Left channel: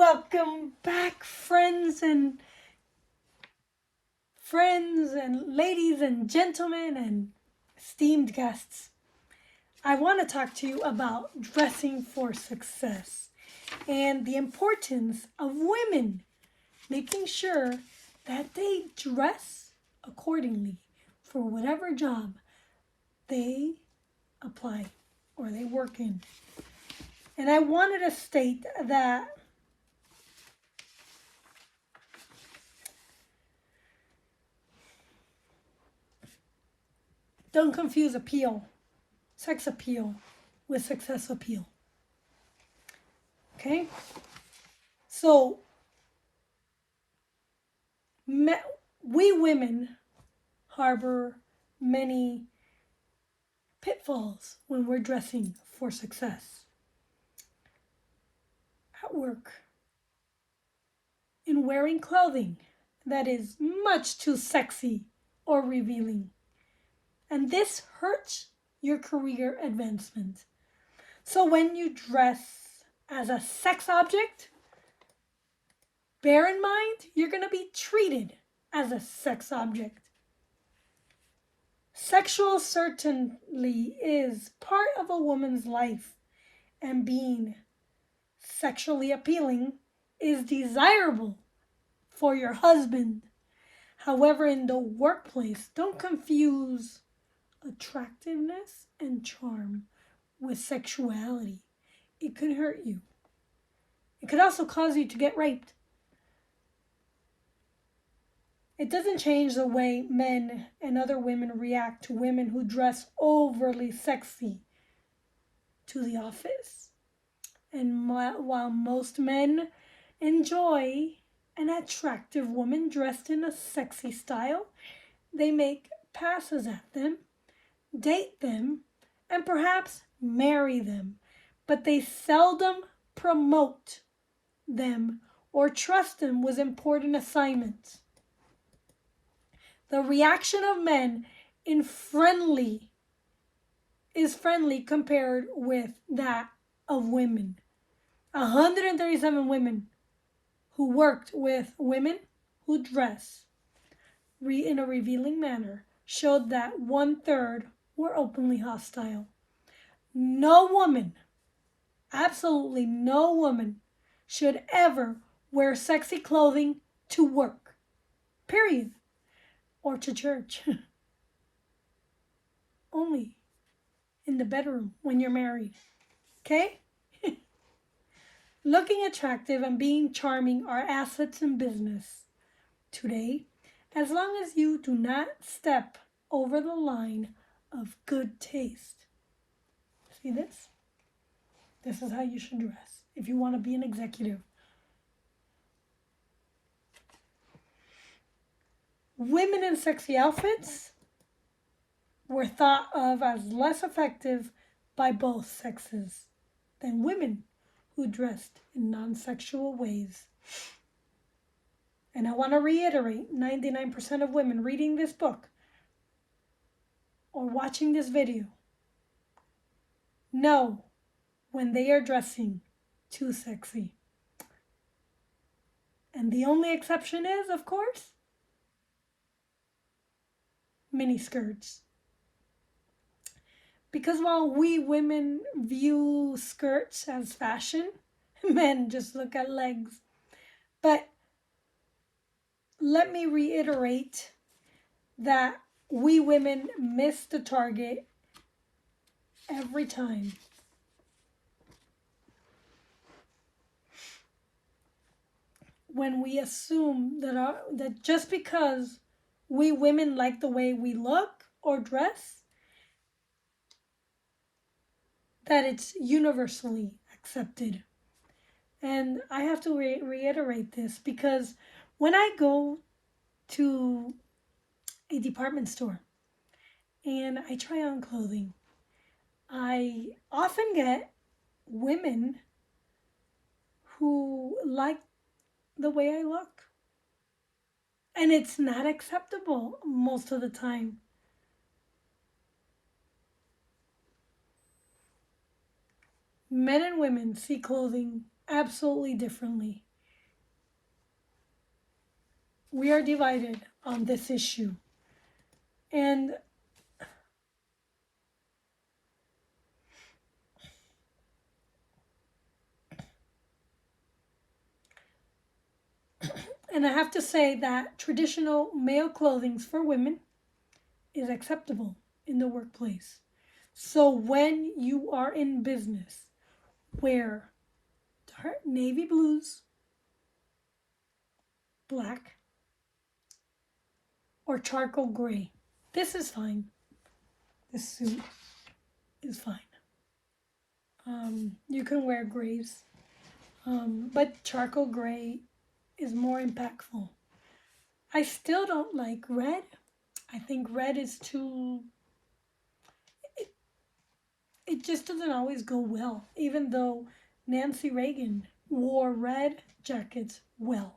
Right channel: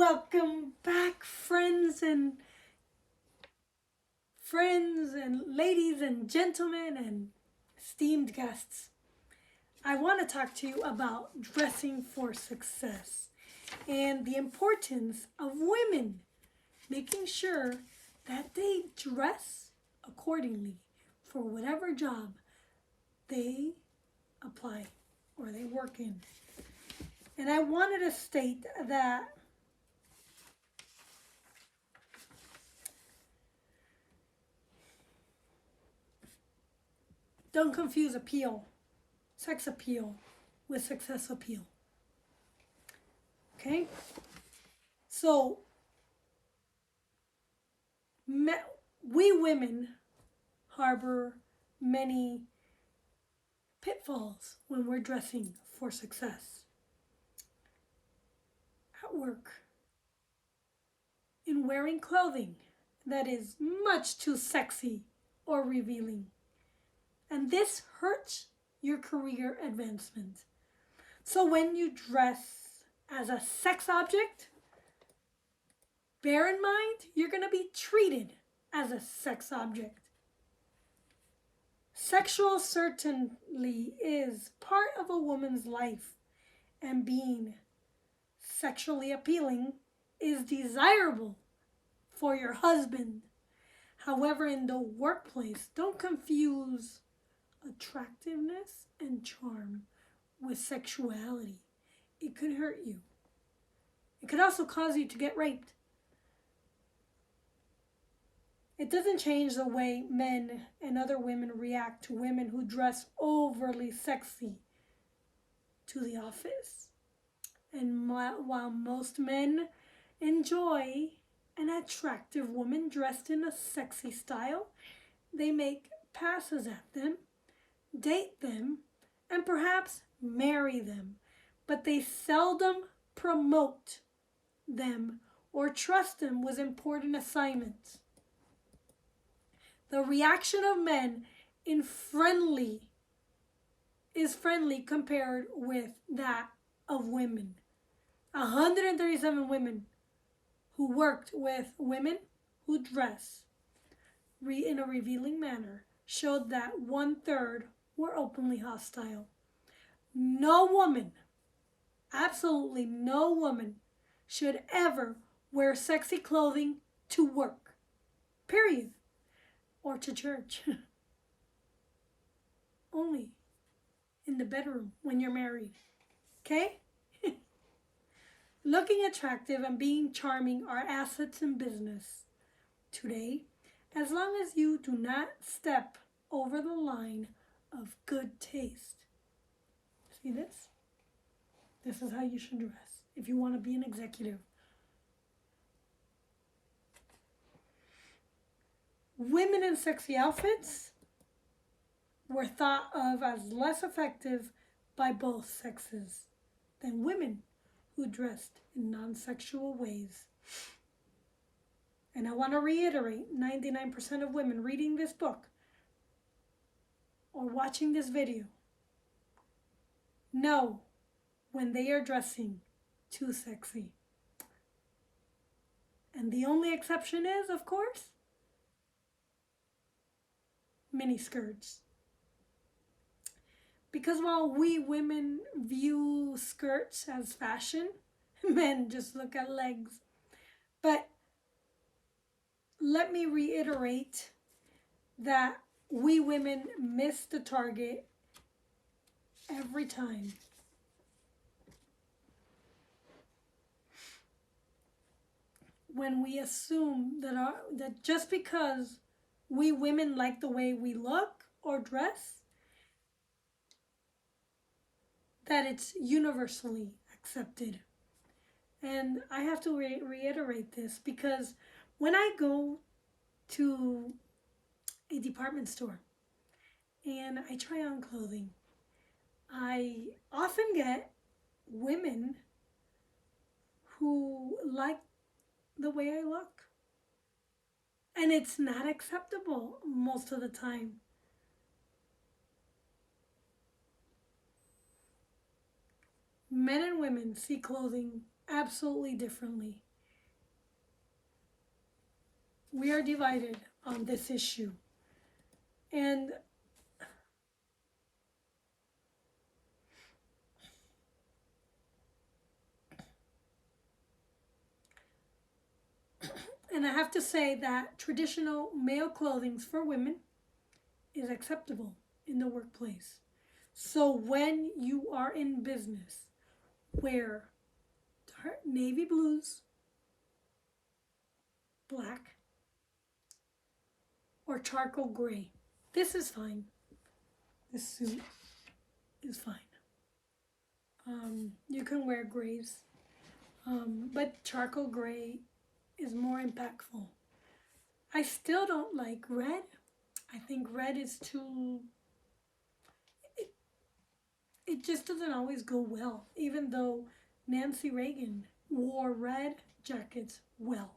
Welcome back, friends and ladies and gentlemen and esteemed guests. I want to talk to you about dressing for success and the importance of women making sure that they dress accordingly for whatever job they apply or they work in. And I wanted to state that don't confuse sex appeal, with success appeal. Okay? So, we women harbor many pitfalls when we're dressing for success. At work, in wearing clothing that is much too sexy or revealing. And this hurts your career advancement. So when you dress as a sex object, bear in mind you're going to be treated as a sex object. Sexual certainty is part of a woman's life, and being sexually appealing is desirable for your husband. However, in the workplace, don't confuse attractiveness and charm with sexuality. It could hurt you. It could also cause you to get raped. It doesn't change the way men and other women react to women who dress overly sexy to the office. And while most men enjoy an attractive woman dressed in a sexy style, they make passes at them, date them, and perhaps marry them, but they seldom promote them or trust them with important assignments. The reaction of men is friendly compared with that of women. 137 women who worked with women who dress in a revealing manner showed that 1/3 were openly hostile. No woman, absolutely no woman, should ever wear sexy clothing to work, period, or to church. Only in the bedroom when you're married, okay? Looking attractive and being charming are assets in business today, as long as you do not step over the line of good taste. See this? This is how you should dress if you want to be an executive. Women in sexy outfits were thought of as less effective by both sexes than women who dressed in non-sexual ways. And I want to reiterate, 99% of women reading this book or watching this video know when they are dressing too sexy. And the only exception is, of course, mini skirts. Because while we women view skirts as fashion, men just look at legs. But let me reiterate that we women miss the target every time. When we assume that just because we women like the way we look or dress, that it's universally accepted. And I have to reiterate this because when I go to a department store and I try on clothing, I often get women who like the way I look. And it's not acceptable most of the time. Men and women see clothing absolutely differently. We are divided on this issue. And I have to say that traditional male clothing for women is acceptable in the workplace. So when you are in business, wear navy blues, black, or charcoal gray. This is fine. This suit is fine. You can wear grays, but charcoal gray is more impactful. I still don't like red. I think red is too... It just doesn't always go well, even though Nancy Reagan wore red jackets well.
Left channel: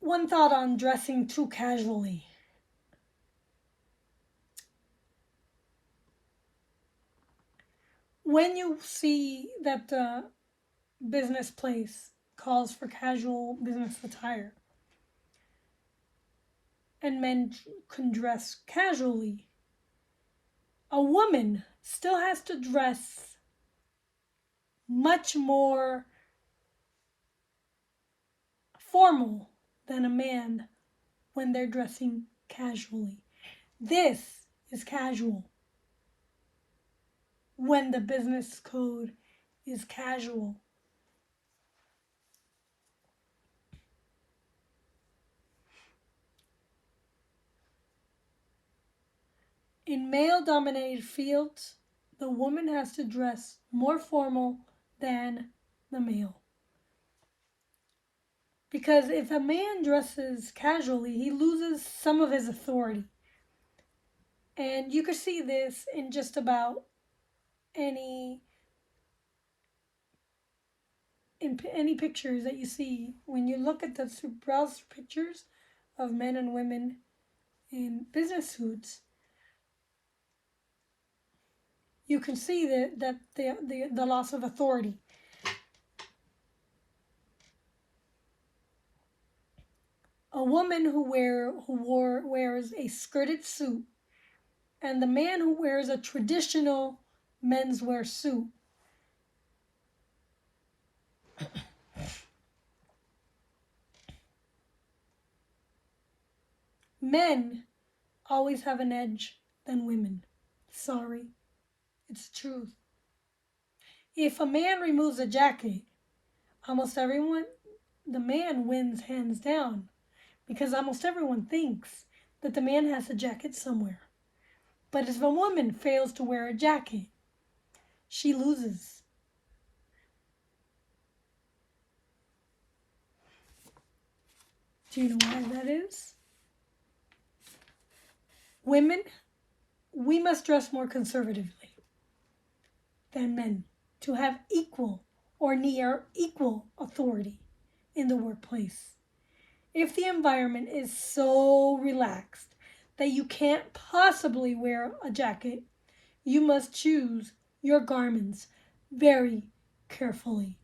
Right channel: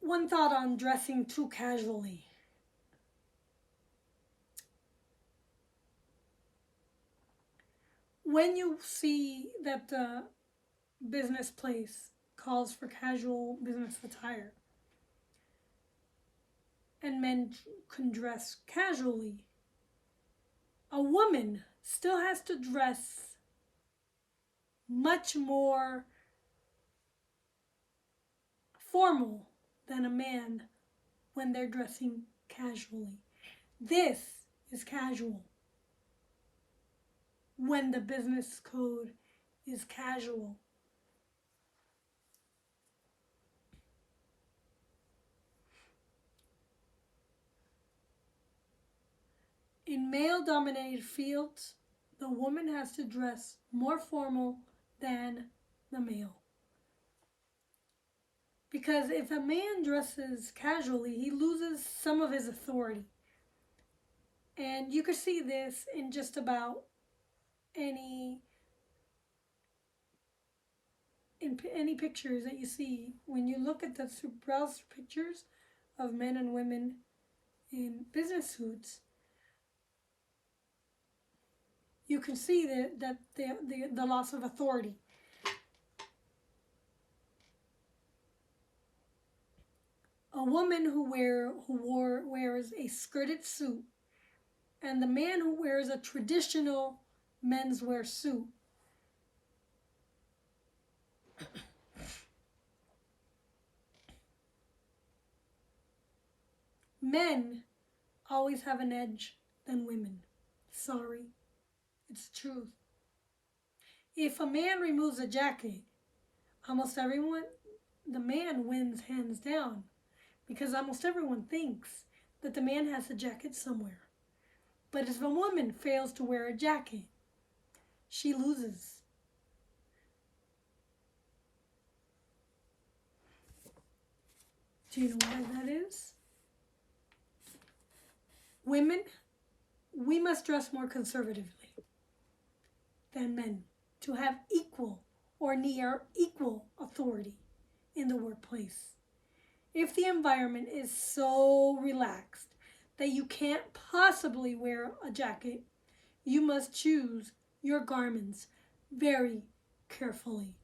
One thought on dressing too casually. When you see that the business place calls for casual business attire and men can dress casually, a woman still has to dress much more formal than a man when they're dressing casually. This is casual when the business code is casual. In male-dominated fields, the woman has to dress more formal than the male. Because if a man dresses casually, he loses some of his authority. And you could see this in just about any pictures that you see. When you look at the browse pictures of men and women in business suits, you can see that the loss of authority. A woman who wears a skirted suit, and the man who wears a traditional menswear suit, men always have an edge than women. Sorry, it's the truth. If a man removes a jacket, the man wins hands down, because almost everyone thinks that the man has a jacket somewhere. But if a woman fails to wear a jacket, she loses. Do you know why that is? Women, we must dress more conservatively than men to have equal or near equal authority in the workplace. If the environment is so relaxed that you can't possibly wear a jacket, you must choose your garments very carefully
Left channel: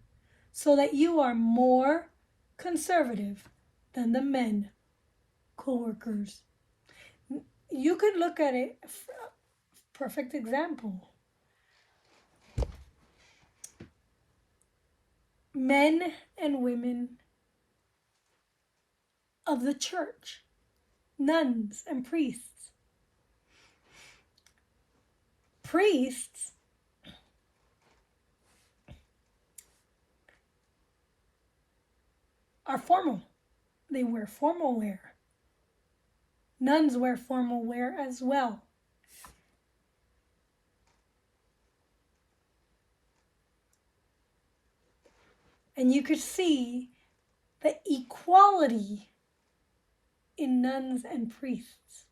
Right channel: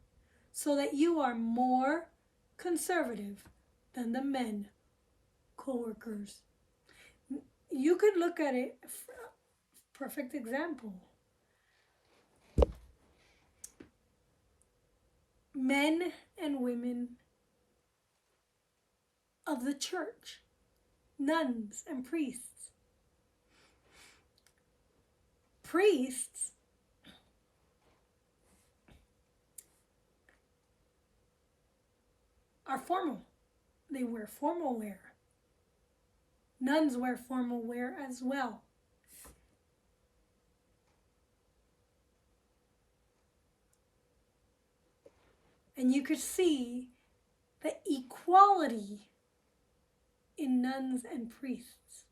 so that you are more conservative than the men co-workers. You could look at it, perfect example. Men and women of the church, nuns and priests. Priests are formal. They wear formal wear. Nuns wear formal wear as well. And you could see the equality in nuns and priests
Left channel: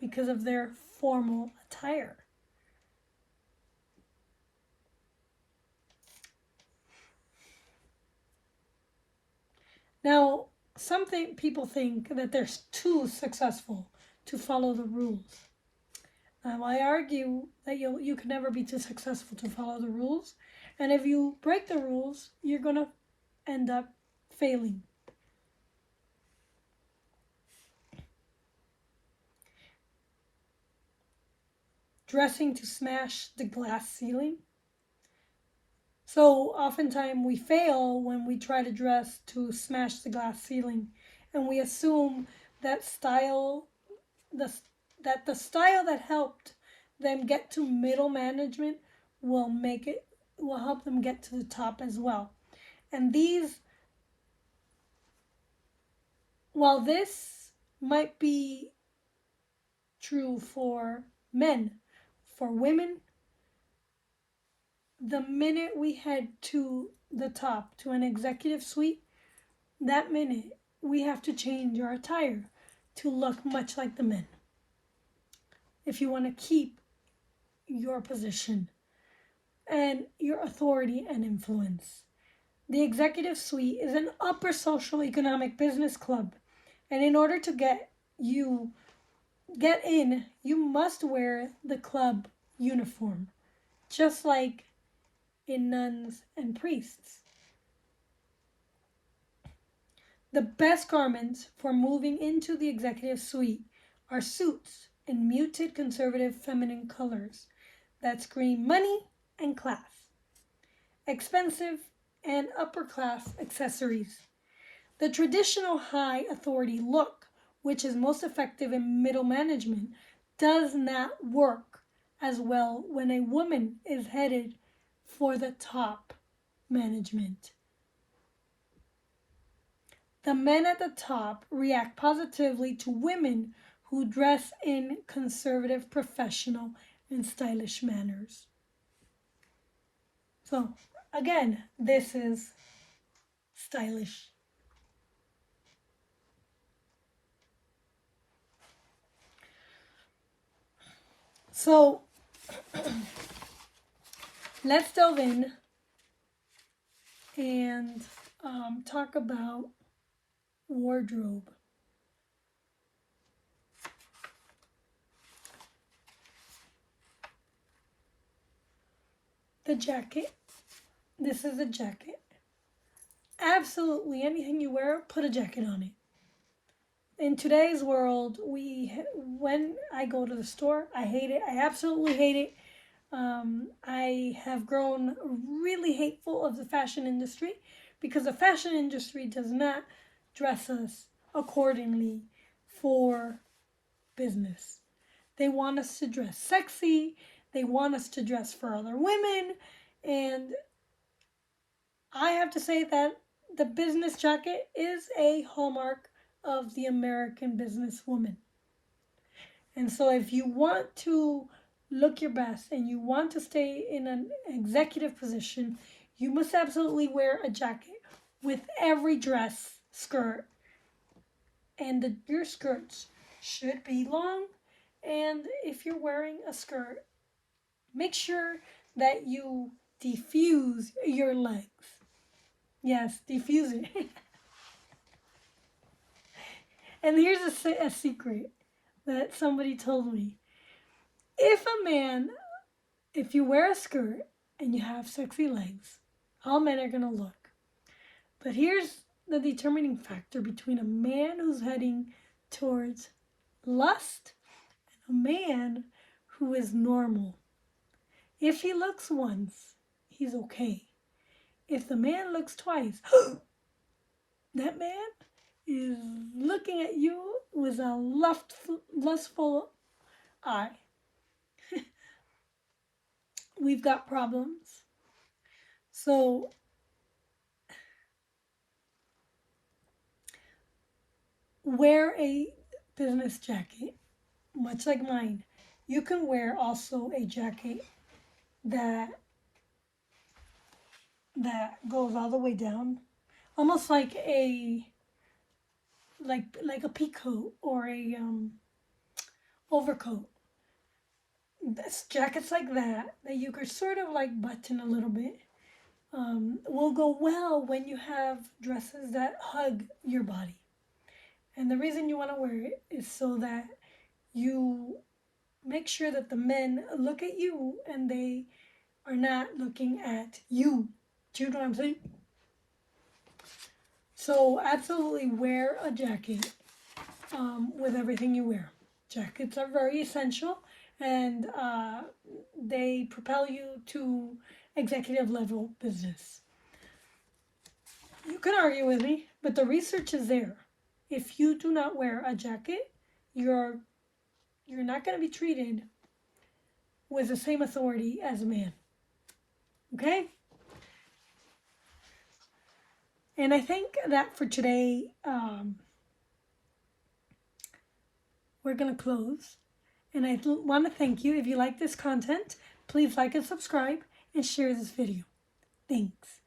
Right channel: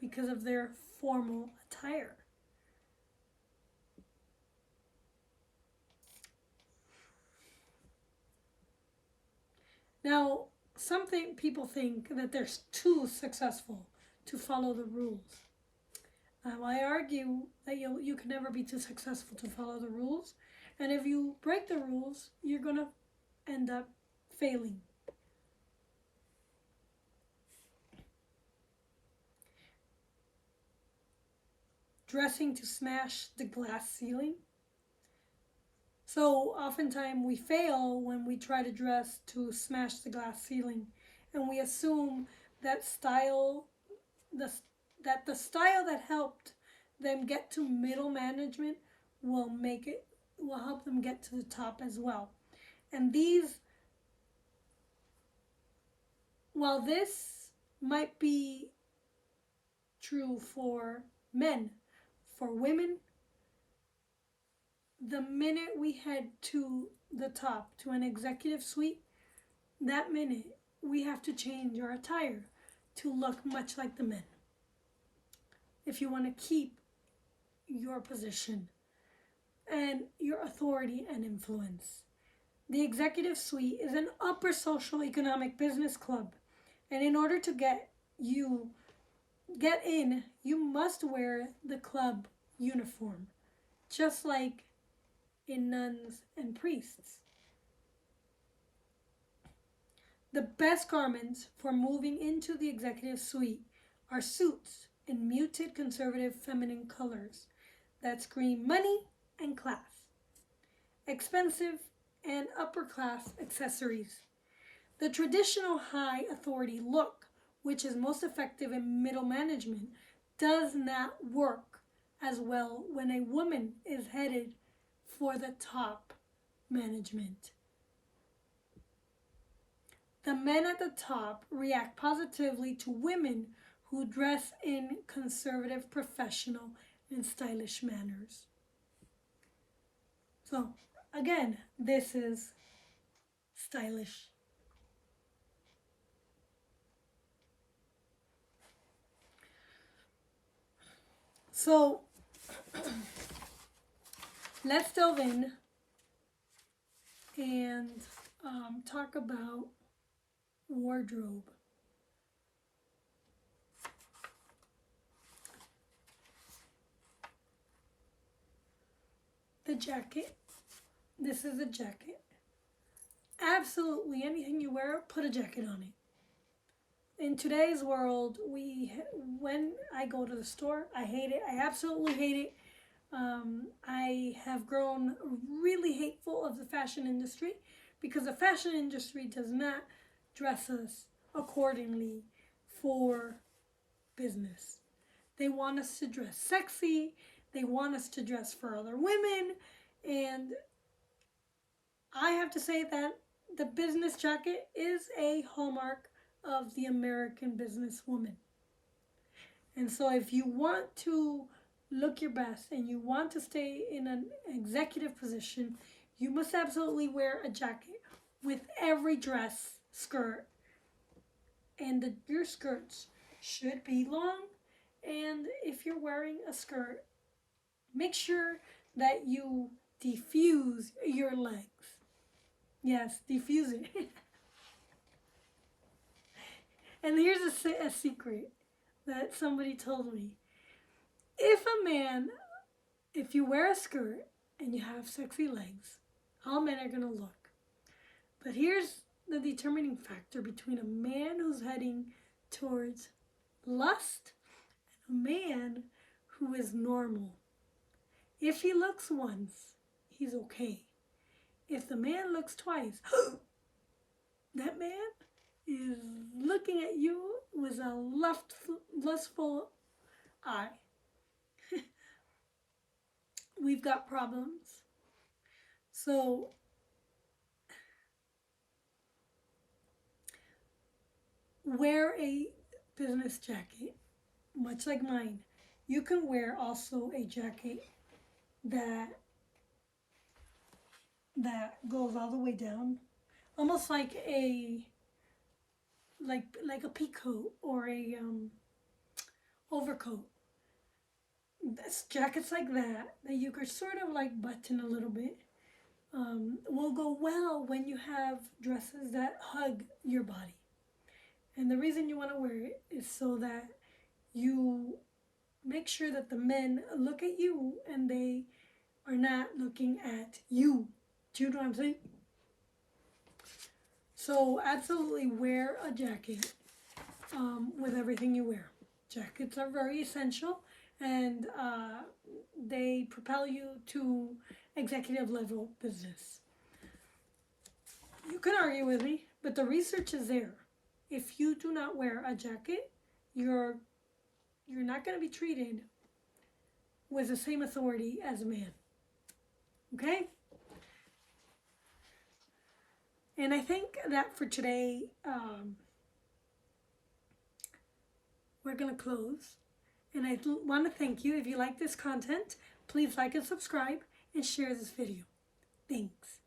because of their formal attire. Now, people think that they're too successful to follow the rules. I argue that you can never be too successful to follow the rules, and if you break the rules, you're gonna end up failing. Dressing to smash the glass ceiling. So oftentimes we fail when we try to dress to smash the glass ceiling, and we assume that the that the style that helped them get to middle management will make it will help them get to the top as well. And these, while this might be true for men, for women, the minute we head to the top, to an executive suite, that minute we have to change our attire to look much like the men. If you want to keep your position and your authority and influence. The executive suite is an upper social economic business club, and in order to get in, you must wear the club uniform, just like in nuns and priests. The best garments for moving into the executive suite are suits in muted conservative feminine colors that scream money and class, expensive and upper class accessories. The traditional high authority look, which is most effective in middle management, does not work as well when a woman is headed for the top management. The men at the top react positively to women who dress in conservative, professional, and stylish manners. So, again, this is stylish. So, let's delve in and talk about wardrobe. The jacket. This is a jacket. Absolutely anything you wear, put a jacket on it. In today's world, when I go to the store, I hate it. I absolutely hate it. I have grown really hateful of the fashion industry because the fashion industry does not dress us accordingly for business. They want us to dress sexy, they want us to dress for other women, and I have to say that the business jacket is a hallmark of the American businesswoman. And so if you want to look your best and you want to stay in an executive position, you must absolutely wear a jacket with every dress, skirt, and your skirts should be long. And if you're wearing a skirt, make sure that you diffuse your legs. Yes, diffuse it. And here's a secret that somebody told me. If you wear a skirt and you have sexy legs, all men are gonna look. But here's the determining factor between a man who's heading towards lust and a man who is normal. If he looks once, he's okay. If the man looks twice, that man is looking at you with a lustful eye. We've got problems. So, wear a business jacket, much like mine. You can wear also a jacket that goes all the way down, almost like a peacoat or a overcoat. This jackets like that you could sort of like button a little bit will go well when you have dresses that hug your body. And the reason you want to wear it is so that you make sure that the men look at you and they are not looking at you. Do you know what I'm saying? So absolutely wear a jacket with everything you wear. Jackets are very essential, and they propel you to executive level business. You can argue with me, but the research is there. If you do not wear a jacket, you're not going to be treated with the same authority as a man. Okay? And I think that for today, we're going to close. And I want to thank you. If you like this content, please like and subscribe and share this video. Thanks.